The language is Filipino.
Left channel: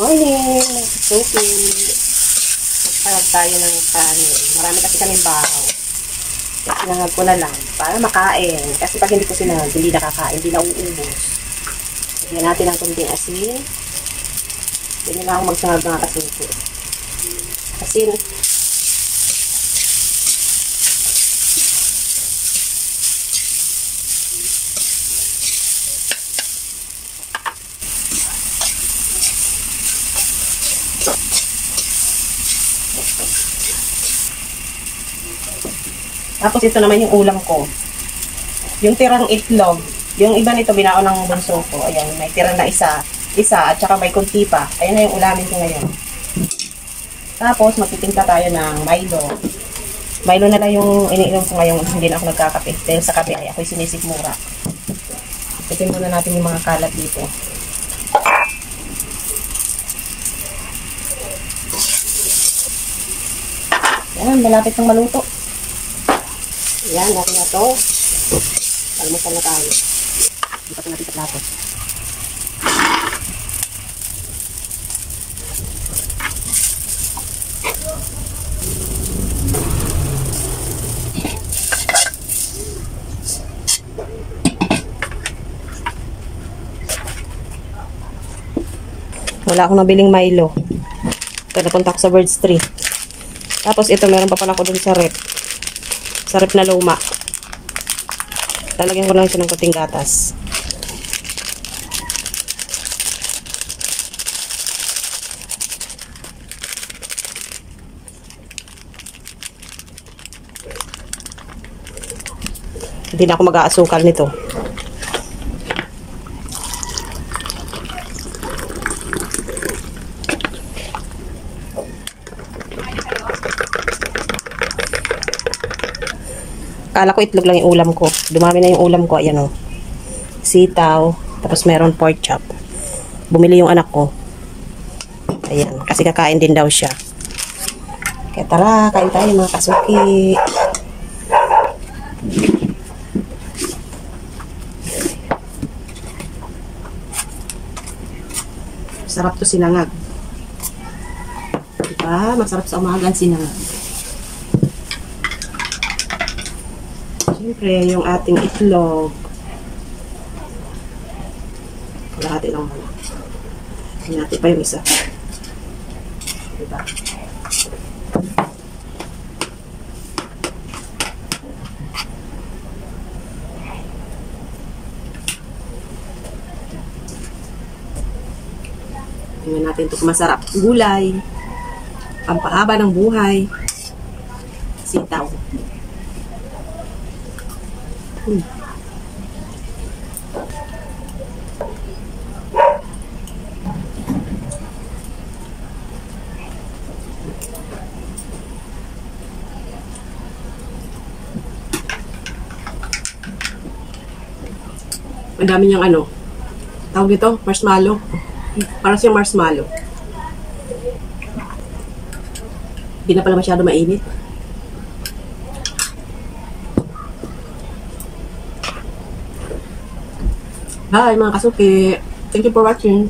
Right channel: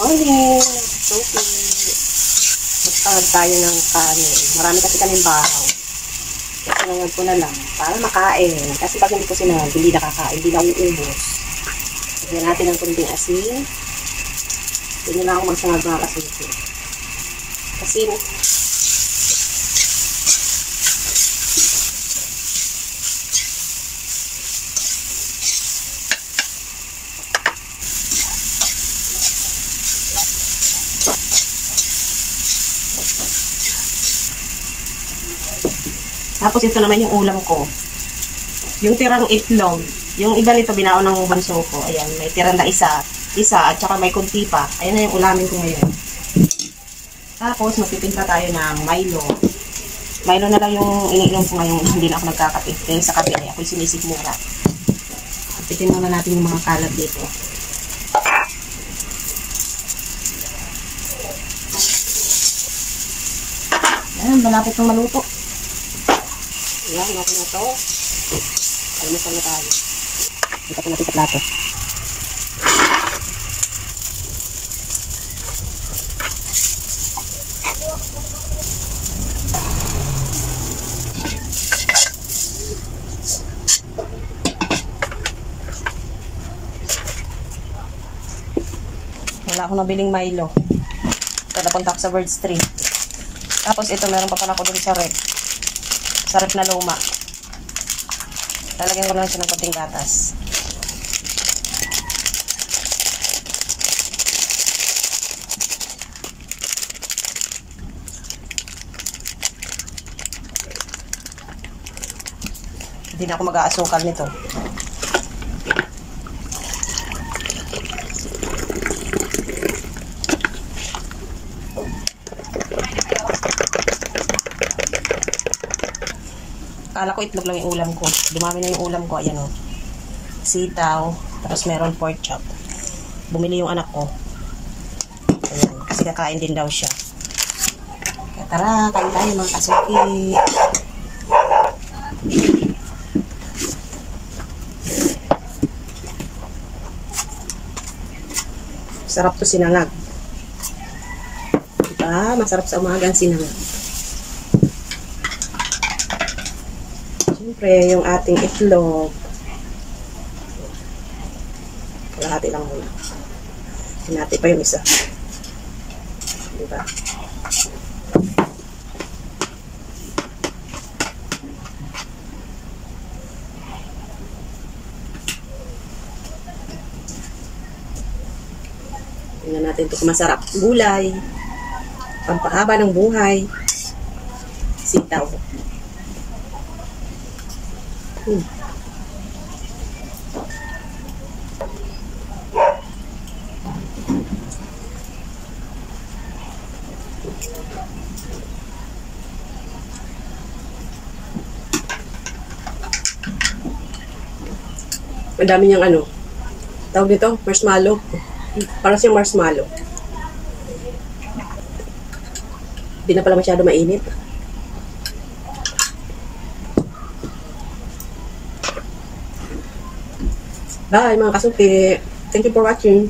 Morning! Sophie! Magpahag tayo ng kanin. Marami kasi kaming baraw. Kaya sinangag ko na lang para makain. Kasi pag hindi ko sinangag, hindi nakakain, hindi na uubos. Lagyan natin ng kunting asin. Hindi na ako magsangag mga kasuki. Asin. Tapos ito naman yung ulam ko. Yung tirang itlog. Yung iba nito binaon ng bunso ko. Ayan, may tira na isa at saka may kunti pa. Ayan na yung ulamin ko ngayon. Tapos magtitingka tayo ng Milo. Milo na lang yung iniinom ko ngayon. Hindi na ako nagkakape. Dahil sa kape ay ako'y sinisigmura. Titin muna natin yung mga kalat dito. Ayan, malapit ng maluto. Ayan, okay na to. Almusal na tayo. Ikat natin sa plato. Wala akong nabiling Milo. Ito, napunta ko sa Birds 3. Tapos ito, meron pa pala ako dun sa rep. Sa rep na luma. Talagyan ko lang siya ng kating gatas. Hindi na ako mag-aasukal nito. Kala ko itlog lang yung ulam ko. Dumami na yung ulam ko. Ayan o. Sitaw. Tapos meron pork chop. Bumili yung anak ko. Ayan. Kasi kakain din daw siya. Kaya tara, kain tayo mga kasuki. Sarap to sinangag. Diba? Masarap sa umaga ang sinangag. Siyempre, yung ating itlog. Kalahati lang muna. Hinati pa yung isa. Diba? Tingnan natin ito kung masarap. Gulay. Pampahaba ng buhay. Sitaw. Ang dami niyang ano. Tawag nito, marshmallow. Para siyang marshmallow. Hindi na pala masyado mainit. Bye mga kasuki. Thank you for watching.